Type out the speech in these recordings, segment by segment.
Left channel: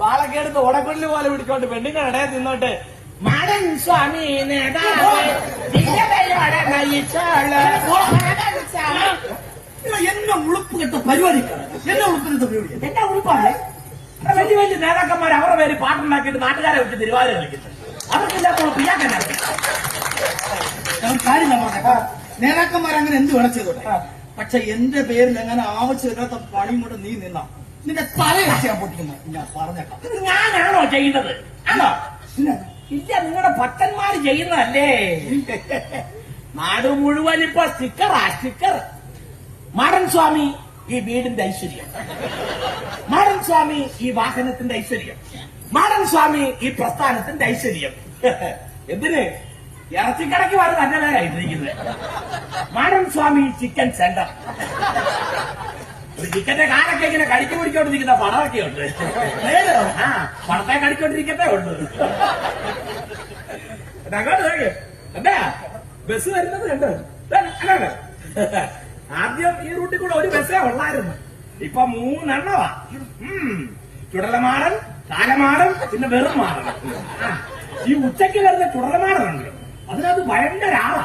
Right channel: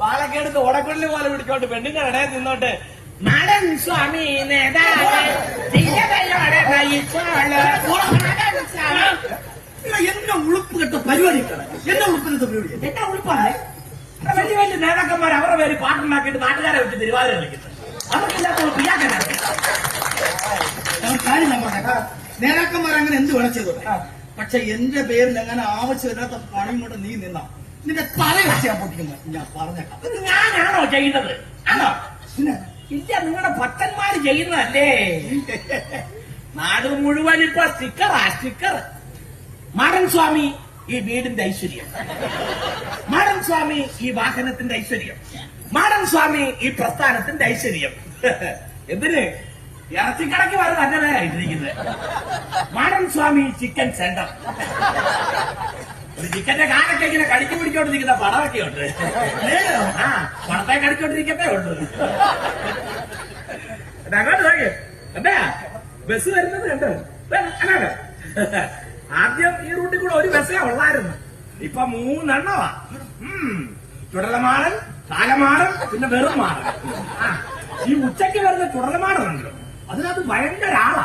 പാലക്കേടുത്ത് ഓടക്കൊള്ളി പോലെ പിടിച്ചോണ്ട് പെണ്ണിന്റെ ഇടയെ തിന്നോട്ടെ മടൻ സ്വാമി എന്നെ ഉളുപ്പ് കെട്ട പരിപാടിക്കാണ് എന്നെ ഉളുപ്പ് കെട്ട പരിപാടി എന്റെ ഉളുപ്പാണ്? വലിയ വലിയ നേതാക്കന്മാർ അവരുടെ പേര് പാട്ടുണ്ടാക്കിയിട്ട് നാട്ടുകാരെ വെച്ച് തിരുവാതിര കളിക്കുന്നു അവർക്കില്ലാത്ത പിള്ളാക്കന്മാർ ഞാൻ കാര്യം പറഞ്ഞ നേതാക്കന്മാർ അങ്ങനെ എന്ത് വേണം ചെയ്തോട്ടെ. പക്ഷെ എന്റെ പേരിൽ അങ്ങനെ ആവശ്യമില്ലാത്ത പണി കൊണ്ട് നീ നിന്ന. നിന്റെ തല വെച്ച് ഞാൻ പൊട്ടിക്കുന്നു. ഞാൻ പറഞ്ഞേക്കാം. ഇത് ഞാനാണോ ചെയ്യുന്നത്? ആണോ? പിന്നെ ഇല്ല നിങ്ങളുടെ ഭക്തന്മാർ ചെയ്യുന്നതല്ലേ? നാട് മുഴുവൻ ഇപ്പൊ സ്റ്റിക്കറാ സ്റ്റിക്കർ. മാടൻ സ്വാമി ഈ വീടിന്റെ ഐശ്വര്യം. മാടൻ സ്വാമി ഈ വാഹനത്തിന്റെ ഐശ്വര്യം. മാടൻ സ്വാമി ഈ പ്രസ്ഥാനത്തിന്റെ ഐശ്വര്യം. എന്തിന്? ഇറച്ചിക്കടക്ക് വരെ അങ്ങനെയാണ് ഇട്ടിരിക്കുന്നത്. മാടൻ സ്വാമി ചിക്കൻ സെന്റർ ചിക്കന്റെ കാലൊക്കെ ഇങ്ങനെ കടിച്ചു പിടിച്ചോണ്ടിരിക്കുന്ന പടമൊക്കെ ഉണ്ട്. ആ പടത്തെ കടിച്ചോണ്ടിരിക്കത്തേ ഉണ്ട് അങ്ങോട്ട്. എന്താ? ബസ് വരുന്നത് കണ്ട്? അല്ല ആദ്യം ഈ റൂട്ടിൽ കൂടെ ഒരു ബസ്സേ ഉള്ളായിരുന്നു. ഇപ്പൊ മൂന്നെണ്ണമാ. ചുടലമാടൻ കാലമാടൻ പിന്നെ വെറും മാടൻ. ഈ ഉച്ചയ്ക്ക് വരുന്ന ചുടലമാടനുണ്ട്. അതിനകത്ത് ഭയങ്കര ആളാ.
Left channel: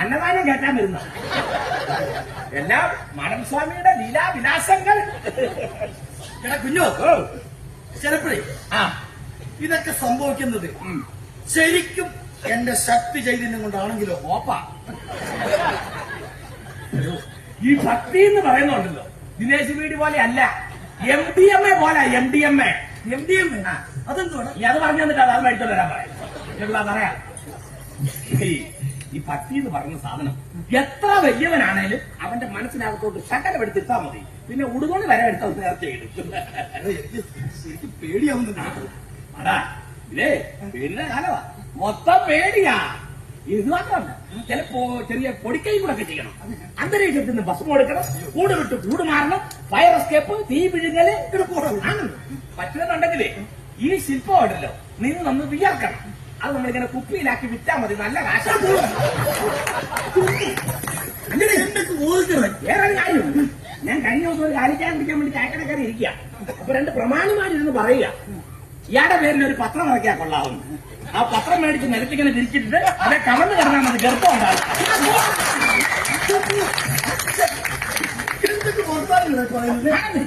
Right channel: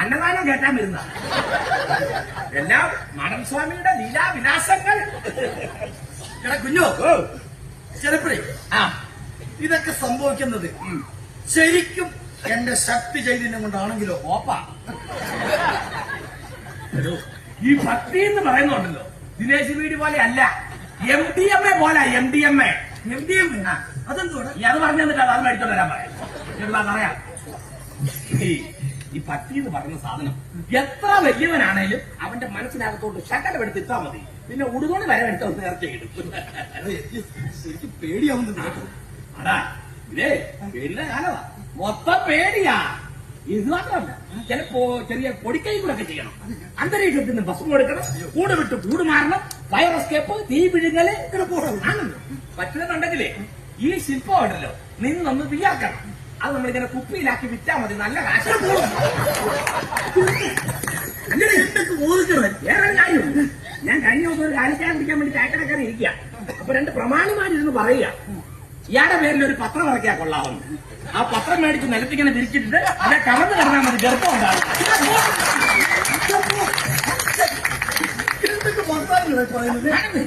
അന്നദാനം കേട്ടാൻ വരുന്ന. എല്ലാം മാനസ്വാമിയുടെ ലീലാവിലാസങ്ങൾ. കുഞ്ഞോ. ചെറുപ്പേ ആ. ഇതൊക്കെ സംഭവിക്കുന്നത് ശരിക്കും എന്റെ ശക്തി ചൈതന്യം കൊണ്ടാണെങ്കിലോ ഓപ്പ ഈ ഭക്തി എന്ന് പറയുന്നുണ്ടല്ലോ. ദിനേശ് വീട് പോലെ അല്ല. എം ഡി എം എ പോലെ M D M A M D M A നീ ഞാൻ പറഞ്ഞു തന്നിട്ട് അത് മേടിച്ചോണ്ട് വരാൻ പറയാം. ഇവിടെ പറയാം? ഈ- പട്ടി എന്ന് പറയുന്ന സാധനം എത്ര വലിയവനാണെങ്കിലും അവന്റെ മനസ്സിനകത്തോട്ട് ശകലം എടുത്ത് ഇട്ടാ മതി. പിന്നെ ഉടുകൊണ്ട് വരെ എടുത്ത നേർച്ച കാലമാ മൊത്തം പേടിയാ. ഇത് ചിലപ്പോ ചെറിയ പൊടിക്കൈ കൂടെ ഒക്കെ ചെയ്യണം അന്തരീക്ഷത്തിൽ നിന്ന് ഭസ്മം കൊടുക്കണം. കൂട് വിട്ട് കൂട് മാറണം. ഫയർ എസ്കേപ്പ് തീ പിടിഞ്ഞൽ പറ്റുമെന്നുണ്ടെങ്കിലേ ഈ ശില്പം നിങ്ങൾ ഒന്ന് വിചാരിക്കണം. അത് നമ്മൾ ഇങ്ങനെ കുപ്പിയിലാക്കി വിറ്റാൽ മതി. നല്ല കാശ്. വേറെ ഞാൻ കഴിഞ്ഞ ദിവസം ഒരു കാലിക്കാൻ വേണ്ടി ചായക്കടക്കാരൻ ഇരിക്കുക അപ്പൊ രണ്ട് പ്രമാണിമാരിരുന്ന് പറയുക. ഇയാളുടെ പേരിൽ ഒരു പത്രം ഇറക്കിയാൽ കൊള്ളാവുന്നു ആ പത്രം മേടിച്ച് നിലത്തിങ്ങനെ വിരിച്ചിട്ടുണ്ട് അവിടെ കവർന്ന് കിടന്നാൽ മതി. ഗർഭം ഉണ്ടാവും.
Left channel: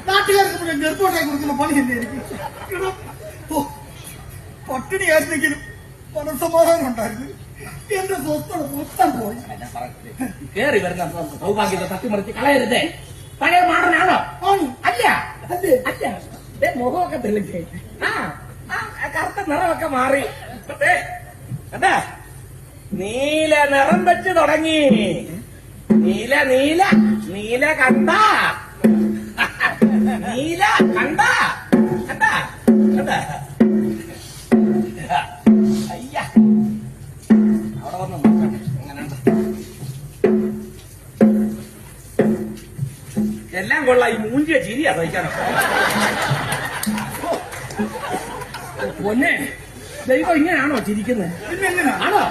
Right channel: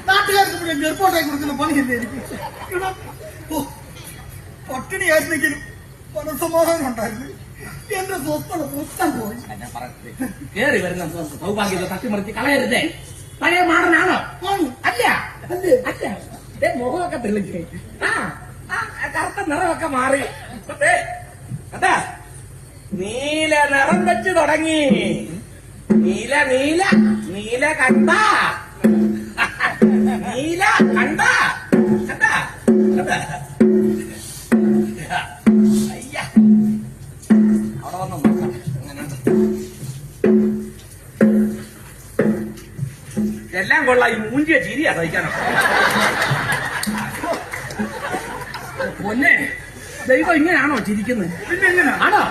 നാട്ടുകാർക്ക് ഗർഭം ഗർഭോട്ടായി കൊടുക്കുന്ന പണിയില്ലേ എനിക്ക് എടാ, ഓ, പട്ടിണിയായിരുന്നെങ്കിലും മനസമാധാനം ഉണ്ടായിരുന്നു. എന്റെ സ്വസ്ഥത മൊത്തം പോയി. കേറി വരുന്ന സൗഭാഗ്യം തട്ടിമറിച്ച് കളയരുതേ. പഴയ മാറനാണോ ആണ്. അല്ല. മുഖമൊക്കെ തെളിഞ്ഞ്. ആ കറുത്ത നിറമൊക്കെ മാറി. നീല നിറം വെച്ച് തുടങ്ങി. നീല നീല നീല കണ്ട? നീല കണ്ടാ? എല്ലാം കൊള്ളാം. ഈ മൂഞ്ചിയ ചിരിയാ സഹിക്കാനോ? പൊന്നെ ദൈവം ഇങ്ങനെയാണോ ചിരിക്കുന്നത്? ആണോ?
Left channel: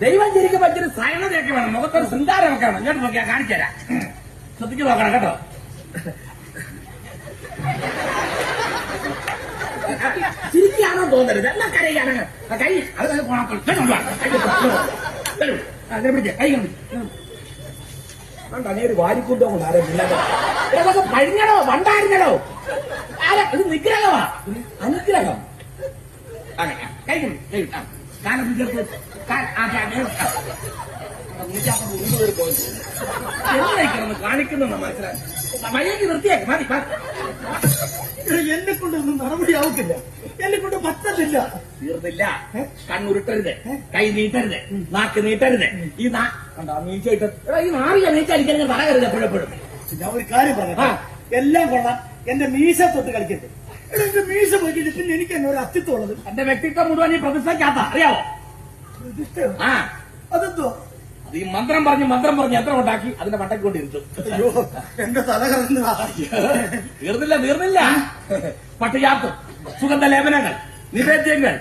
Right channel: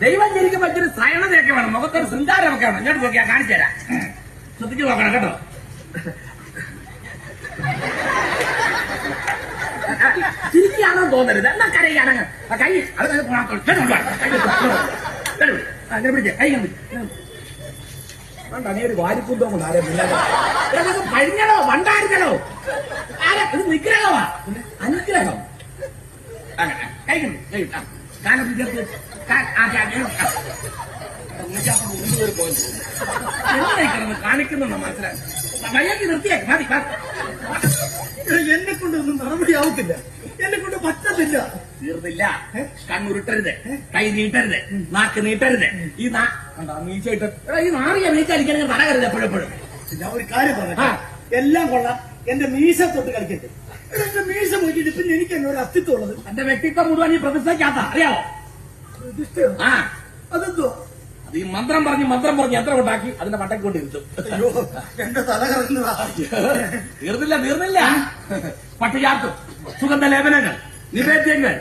ദൈവം ചിരിക്കുമ്പോ ഇച്ചിരി സയണതയൊക്കെ വേണം. നമുക്കൊരു ശൃംഗാരമൊക്കെ വേണം. ഇങ്ങോട്ട് നോക്കിയാ കാണിച്ചു തരാം. ശ്രദ്ധിച്ചു നോക്കണം കേട്ടോ. ചിരിക്കാണോ തോന്നരുത്. എല്ലാം കരയുകയാണെങ്കിൽ ആ കൈ അത് പോണാത്തോളൂ. പിടിച്ചേ. കൈ പിടിച്ചു. കണ്ടോ, നീ ഒരു വാരിക്കൂട്ടോ കൊണ്ട് ആരെ ഇല്ലാതെ ഇതൊക്കെ കഴിഞ്ഞതോ വണ്ടായിരുന്നതോ ആരെ ഇത് നിഗ്രഹമാ അനുഗ്രഹം ആ, ആ, കൈ കൊണ്ട്, കൈ കൊണ്ട്. ആ, കാലം വിദ്യാർത്ഥി കാ- ആ, കാ- ആ, ആ. നൂറ്റമ്പത് ഇരുപത് പേര് പോയി. എന്തായിരിക്കണം കാണിക്കുന്നുണ്ടോ മനസ്സിലായി മര്യാദ നിർത്തിയേക്ക് മതി വാ. എന്നെ കൊണ്ടൊന്നും നടപടിയാവത്തില്ല. എന്നെ കൊണ്ട് പറ്റത്തില്ല. തീർന്നില്ല. കണ്ണുരുട്ടരുത്. കൈ നീട്ടരുത്. നാക്ക് നീട്ടരുത്. ഈ നാ കണ്ടോ? എടാ, ഈ നാറിയ തടകരുത് എപ്പോഴെപ്പോഴും ഞാൻ ഒരു കാര്യം പറഞ്ഞു എല്ലാം കൊള്ളാം. എന്റെ മീശ തൊട്ട് കളിക്കട്ടെ എന്റെ മീശ പോയിട്ട് പിന്നെ എനിക്ക് തന്നെ ഒരു അസ്തിത്വം ഉള്ളത്? എന്റെ വ്യക്തിത്വം മുഴുവൻ ഈ പ്രതിഷ്ഠയ്ക്കാത്ത അറിയാമോ ഇതിഷ്ടം. ആ. അതെന്തോ അത് ഈ മന്ത്രം പറഞ്ഞ് മന്ത്രം പറഞ്ഞ് എത്ര ഉണ്ടാക്കി അതിന്റെ മട്ടയ്ക്ക് കൊണ്ടിരുത്തും അയ്യോ, എന്റെ തല തീർന്നില്ല തീർന്നില്ല. പട്ടികാത്തും. സുഗന്ധ ലേപനങ്ങൾ നിവേദ്യങ്ങൾ.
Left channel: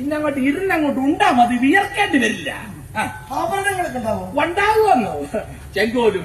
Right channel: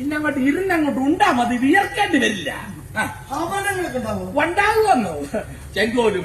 ഇന്നങ്ങോട്ട് ഇരുന്നങ്ങോട്ട് ഉണ്ടാ മതി വിയർക്കേണ്ടി വരില്ല ആഭരണങ്ങളൊക്കെ ഉണ്ടാവും? ചെങ്കോലും